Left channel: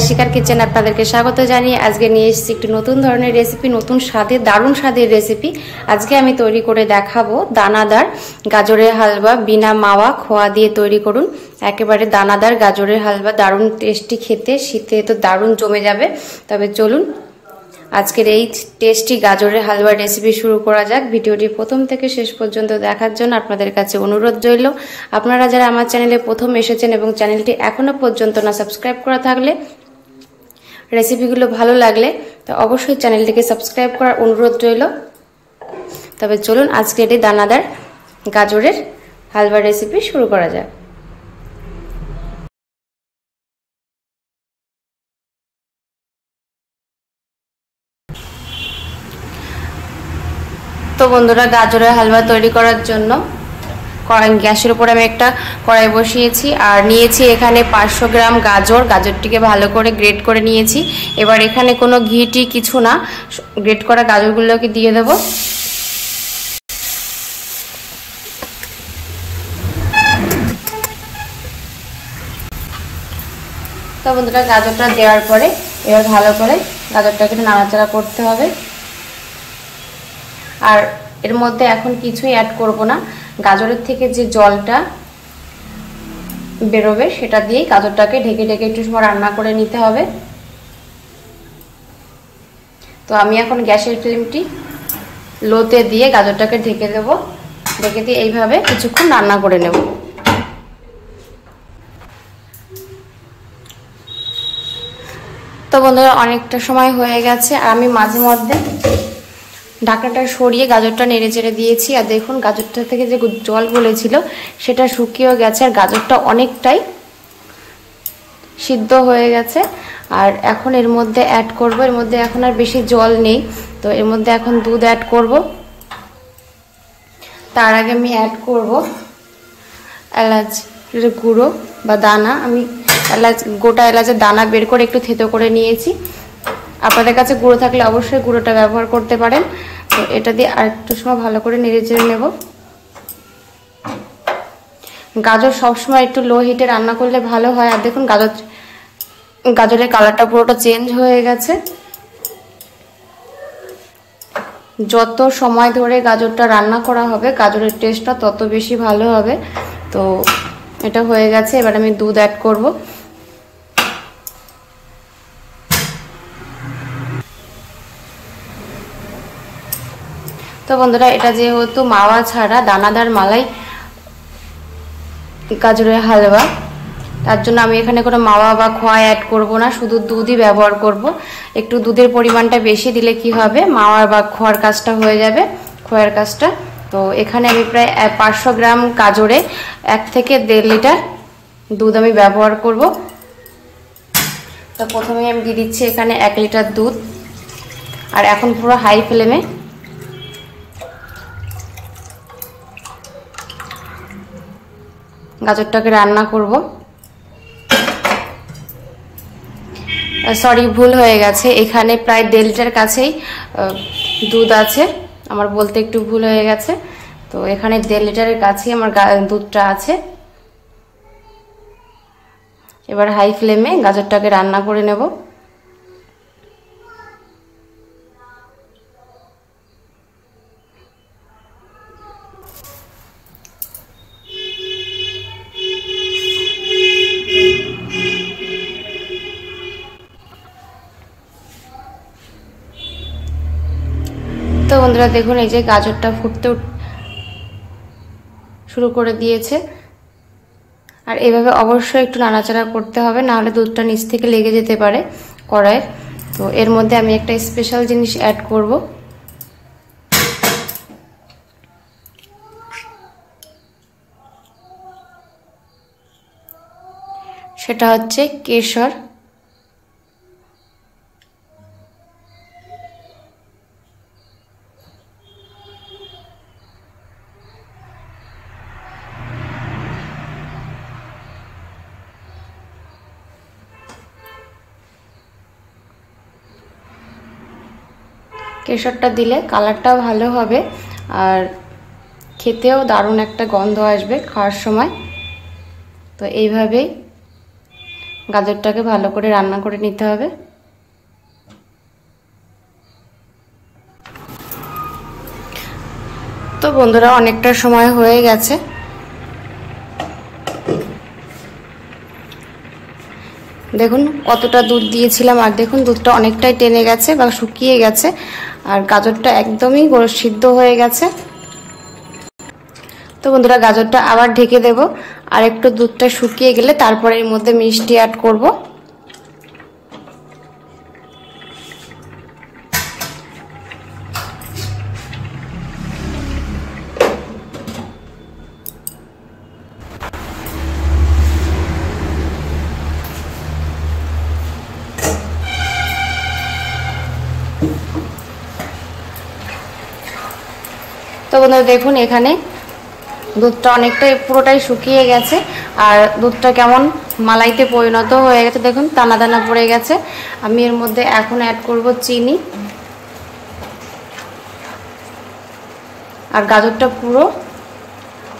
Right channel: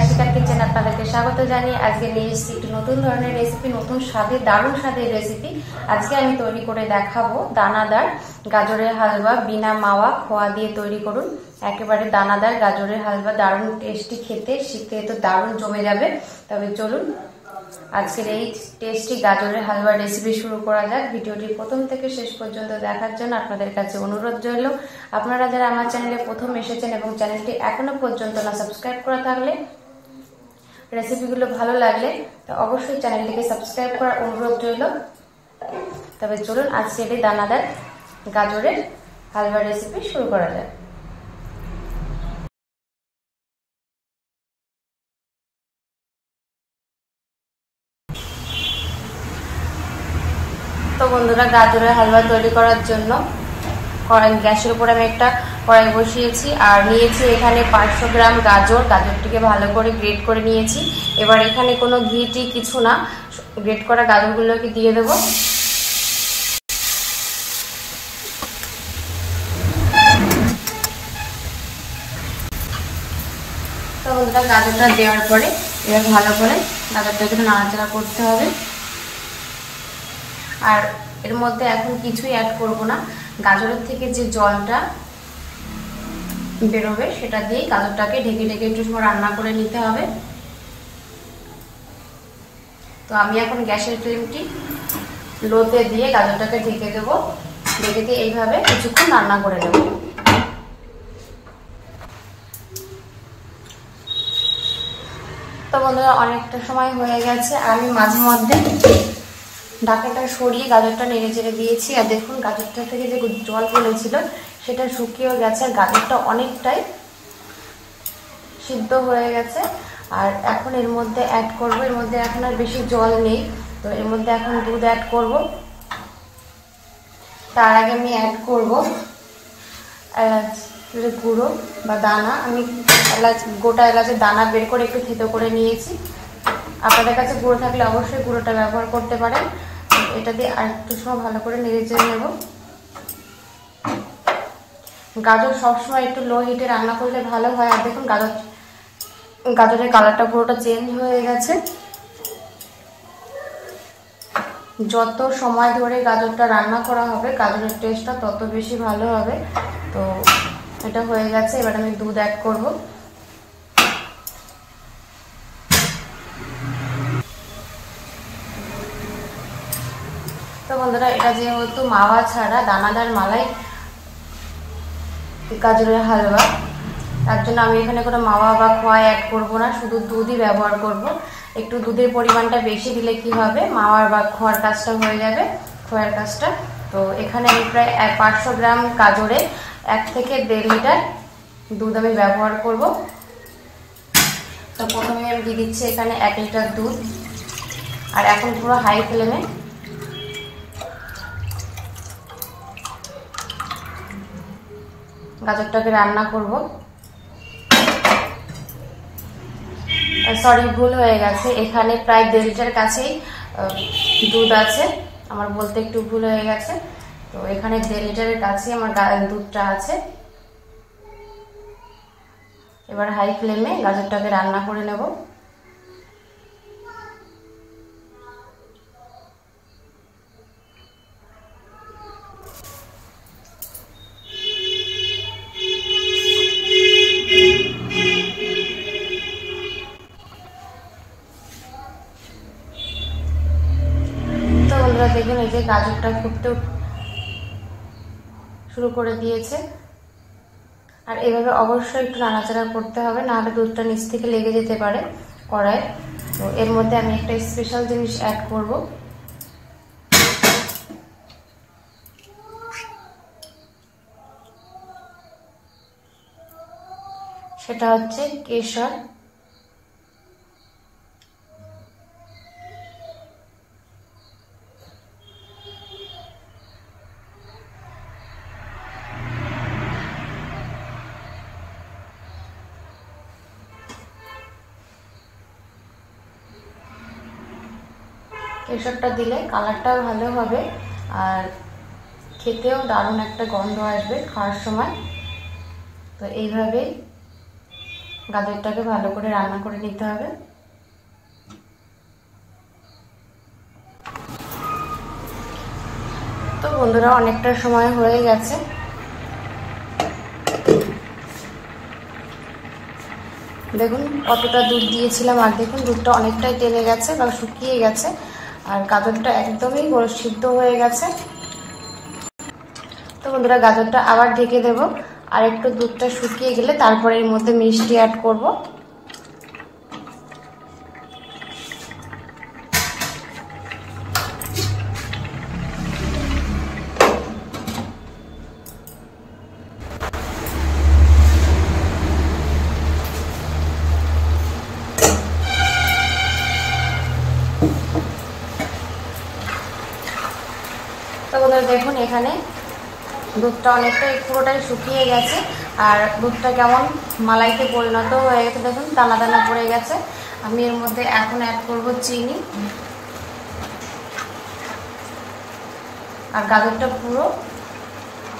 আয়েশিকার kitchen আপনাদেরকে স্বাগত জানিয়ে আজকে নিয়ে এসেছি একটি নতুন ধরনের রেসিপি, নতুন স্বাদের, দারুণ স্বাদের রেসিপি। আজকে আমি তৈরি করে দেখাবো দানাদার গাজরের হালুয়া। বিনা মাওয়া খোয়া দিয়ে তৈরি করুন একেবারে দানাদার গাজরের হালুয়া। দারুণ টেস্টি খেতে, শীতে তো দারুণ জমে যাবে। তবে চলুন আজকের এই টেস্টি গাজরের হালুয়ার রেসিপি শুরু করা যাক। ভিডিওটি প্রথম থেকে শেষ পর্যন্ত দেখার জন্য আপনাদের কাছে অনুরোধ রইল। আপনারা যারা আমার চ্যানেলে প্রথম এসেছেন এবং চ্যানেলটি এখনো পর্যন্ত না সাবস্ক্রাইব করা থাকলে, রেসিপিগুলো ভালো লাগলে তো অবশ্যই চ্যানেলটিকে সাবস্ক্রাইব করার অনুরোধ রইল। তবে চলুন আজকের এই দানাদার গাজরের হালুয়ার রেসিপি শুরু করা যাক। তো বন্ধুরা, গাজরের হালুয়া তৈরি করার জন্য গ্যাসের উপর আমি একটা কড়াই বসিয়েছি আর নিয়েছি এখানে 500 গ্রাম গাজর। গাজরটিকে ভালো করে গ্রেট করে নিয়েছি। এবার এখানে কোনো ঘি কিছু না, গ্রেট করা গাজরগুলোকে দিয়ে দেব। তো বন্ধুরা, গাজরটা দেওয়ার পরে এবার ভালো করে গাজরটাকে নাড়াচাড়া করতে হবে। আর এর মধ্যে এখন কিছুই অ্যাড করব না, গাজরের থেকে যে জলটা বেরোবে সেটা দিয়েই গাজরটাকে ঢেকে ঢেকে একটু সময় রান্না করে নিতে হবে। তো আমি এখন গ্যাসের ফ্লেমটি লোতে দিয়ে গাজরটাকে ঢেকে দেব। ঢেকে দিয়ে এইভাবে কিছুক্ষণ রান্না করে নেব। তো বন্ধুরা, অনেকটা সময় হয়ে গেছে। আমি মাঝে মধ্যে ঢাকাটা সরিয়ে গাজরটা নেড়ে চেড়ে দিয়েছি। আর দেখুন, গাজরটা থেকে যে জল বলেছিল সেটা শুকিয়েও গেছে আর গাজরটা অনেকটাই সিদ্ধ হয়ে গেছে। আর এখন এর মধ্যে অ্যাড করব, এর মধ্যে এখন আর বেশি জল নেই, তো এর মধ্যে এখন দুধ অ্যাড করব। তার আগে আমি অ্যাড করব এলাচ গুঁড়ো বা দানা। আমি গোটা এলাচের দানা বের করে একটু থেতো করে নিয়েছি। আপনাদের কাছে গুঁড়ো থাকলে অবশ্যই গুঁড়োটা ব্যবহার করতে পারেন। তো এটা দিয়ে আরেকটু সময় ভালো করে নেড়ে চেড়ে নেব। গাজর সবসময় একটু লো হিটে রান্না করলে ভালো হয়। আর দেখুন, গাজরের কালারটা পুরোটা চেঞ্জ হয়ে গেছে। যত সময় ধরে গাজরটা রান্না করা হবে গাজরের টেস্টটা তত বেশি ভালো হবে। তো এটা হয়ে গেছে। এবার আমি দুধ অ্যাড করব। তো বন্ধুরা, এটা যেহেতু মাওয়া ছাড়া দানাদার মালাই গাজরের হালুয়া, তার জন্য আমি এখানে কোনো মাওয়া বা খোয়া অ্যাড করব না, শুধু দুধই ব্যবহার করব। একটু দুধের পরিমাণটা বেশি দিলে কি হবে, মাওয়া বা খোয়ার কাজটা হয়ে যাবে, খোয়ার কাজটা। তো এখানে আমি প্রায় 500 গ্রাম গাজরে 1 থেকে 1.5 লিটার দুধ আমি ব্যবহার করব। তো প্রথমে আমি দিয়ে দিচ্ছি এখানে 1 লিটার দুধ। আর এখন পুরো হাই ফ্লেমে গাজরটাকে রান্না করব। সরি, ভুল হয়ে গেছে, এখানে প্রায় 1.5 লিটার কাছেই দুধ আছে। আমার বলতে একটু ভুল হয়ে গেছে। তো এখানে 1.5 লিটারের কাছেই আমার দুধটা আছে। এবার হাই ফ্লেমে গাজরটাকে রান্না করে নেব। তো বন্ধুরা দেখুন, এই যে গাজরটা ফুটতে শুরু করে দিয়েছে। আর এভাবে অবশ্যই একটু নাড়াচাড়া করতে হবে, নাহলে দুধটা নিচ থেকে লেগে যেতে পারে কড়াইয়ে। তো এর মধ্যে আমি একটা স্পেশাল জিনিস অ্যাড করব। সেটা হচ্ছে কেশর। কেশরটা দিলে কালারটাও ভালো হবে আর খেতেও দারুণ একটা গন্ধ আসবে খাওয়ার সময়। তো এইভাবেই গাজরটাকে ভালো করে রান্না করে নিতে হবে। তো বন্ধুরা অনেকটা সময় হয়ে গেছে, দেখুন কতটা দুধ দিয়েছিলাম, আর দেখুন দুধটা অনেকটাই টেনে গেছে বা শুকিয়ে গেছে, আর গাজরটা একদমই সিদ্ধ হয়ে গেছে। তো বন্ধুরা গাজরটা আবার ঢেকে দেব, আর একটু দুধটা শুকিয়ে গেলে তারপরে এর মধ্যে মিষ্টি অ্যাড করব। তো বন্ধুরা দেখুন এখানে দুধটা অনেকটাই পুরোটাই শুকিয়ে গেছে, আর দুধটা কেমন মালাইতে পরিণত হয়ে গেছে, দেখুন দানা দানা পড়ে গেছে। আমি এর মধ্যে এখন অ্যাড করব চিনি, আর গাজরটা পুরো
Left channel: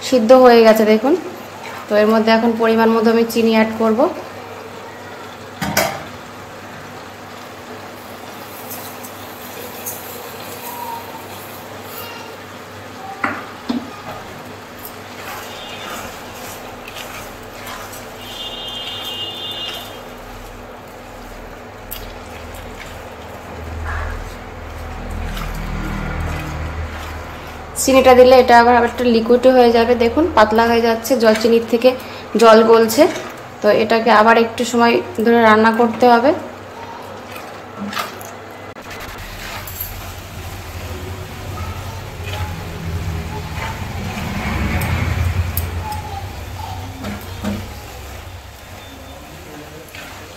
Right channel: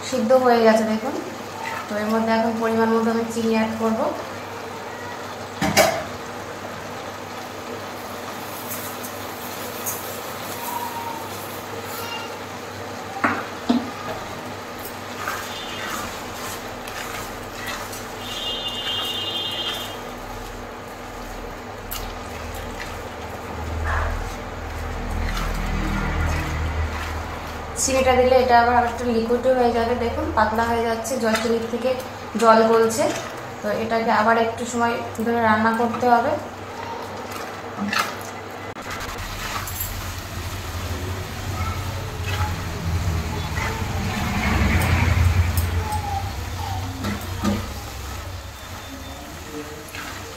সিদ্ধ হয়ে গেছে দেখুন। তো এর মধ্যে এখন পরিমাণ মতো আমি চিনি অ্যাড করব। চিনিটা দিলে এটা আবার একটা লিকুইড হয়ে যাবে, দেখুন পাতলা হয়ে যাচ্ছে, জল চিনির থেকে জল গলছে। তো এটাকে আবার একটু সময় ধরে রান্না করতে হবে।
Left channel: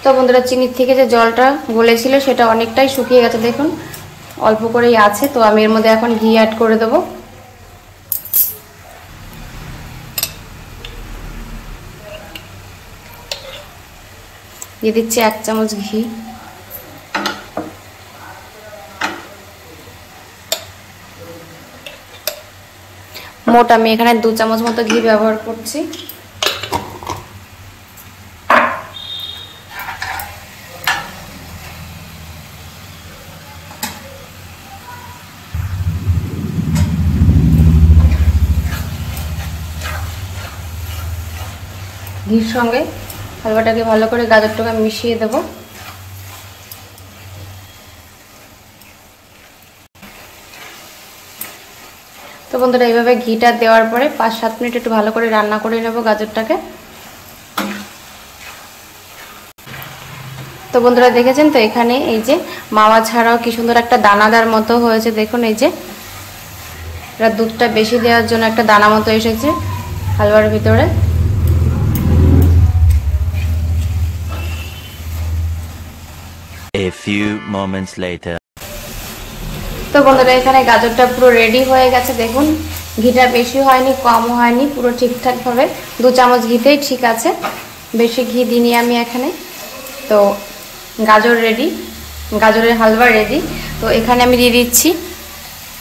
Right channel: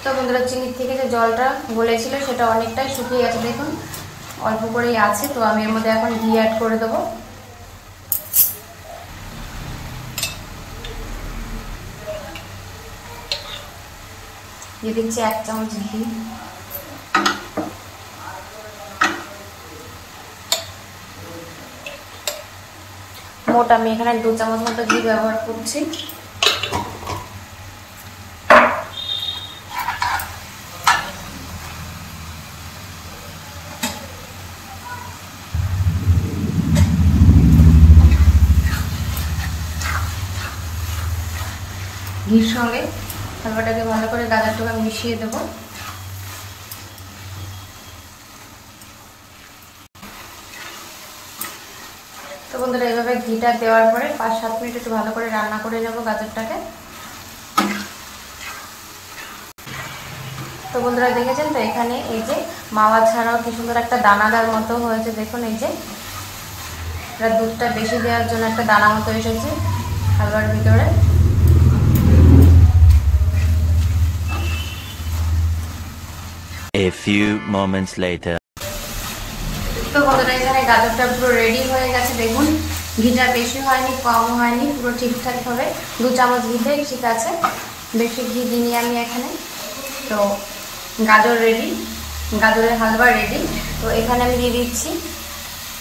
তো বন্ধুরা চিনির থেকে যে জলটা গলেছিল সেটা অনেকটাই শুকিয়ে গেছে, দেখুন অল্প করেই আছে। তো আমি এর মধ্যে এখন ঘি অ্যাড করে দেবো। দিয়ে দিচ্ছি 1 চামচ ঘি। মোট আমি এখানে 2 চামচ মতো ঘি ব্যবহার করছি। ঘির সঙ্গে হালুয়াটাকে ভালো করে গাজরটাকে মিশিয়ে দেব। তো বন্ধুরা এইভাবে ঘিটা দেওয়ার পরে 5-7 মিনিট একটু ভালো করে রান্না করে নেব গাজরটাকে। তো বন্ধুরা দেখেছেন তো এখানে এই যে মাওয়া ছাড়াও কি সুন্দর একটা দানাদার মতো হয়েছে, দেখুন এই যে এটা দুধটা বেশি দেওয়ার জন্য একটা দানা মতো এসেছে হালুয়ার ভিতরে। A few moments later. তো বন্ধুরা এখানে গাজরটা পুরো রেডি হয়ে গেছে, দেখুন ঘিটা বেশি হয়নি কম হয়নি, পুরো ঠিকঠাক ভাবে 2 চামচ ঘিতেই ঠিক আছে, বেশি ঘি দিইনি আমি এখানে। তো গাজর রেডি, গাজরের হালুয়া রেডি। তো এখানে আমি দিয়ে দিচ্ছি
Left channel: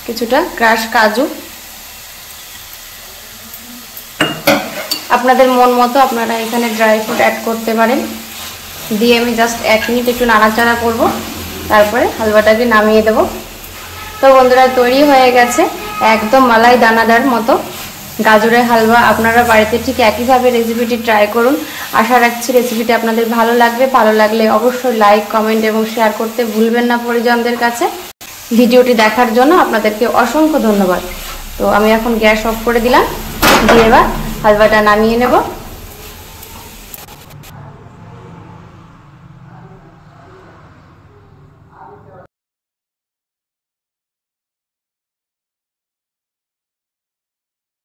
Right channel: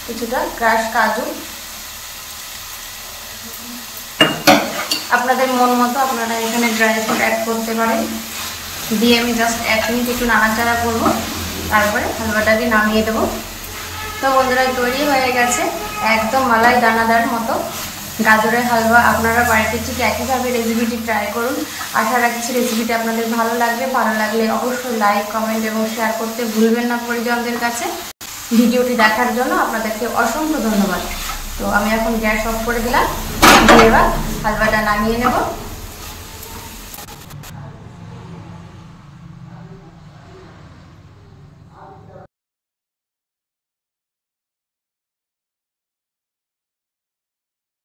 কিছুটা ক্রাশ কাজু, আপনাদের মন মতো আপনারা এখানে ড্রাই ফ্রুট অ্যাড করতে পারেন। দিয়ে আমি জাস্ট 1 মিনিট একটু নাড়াচাড়া করব, তারপরে হালুয়াটাকে নামিয়ে দেব। তো বন্ধুরা তৈরি হয়ে গেছে একদম মালাই দানাদার মতো গাজরের হালুয়া। আপনারা বাড়িতে ঠিক একইভাবে রেসিপিটি ট্রাই করুন। আশা রাখছি রেসিপিটি আপনাদের ভালো লাগবে। ভালো লাগলে অবশ্যই লাইক, কমেন্ট এবং শেয়ার করতে ভুলবেন না পরিজনদের কাছে। ভিডিওটি দেখার জন্য আপনাদেরকে অসংখ্য ধন্যবাদ। তো আমি এখন গ্যাস অফ করে দিলাম, দিয়ে এবার হালুয়াটা নামিয়ে নেব।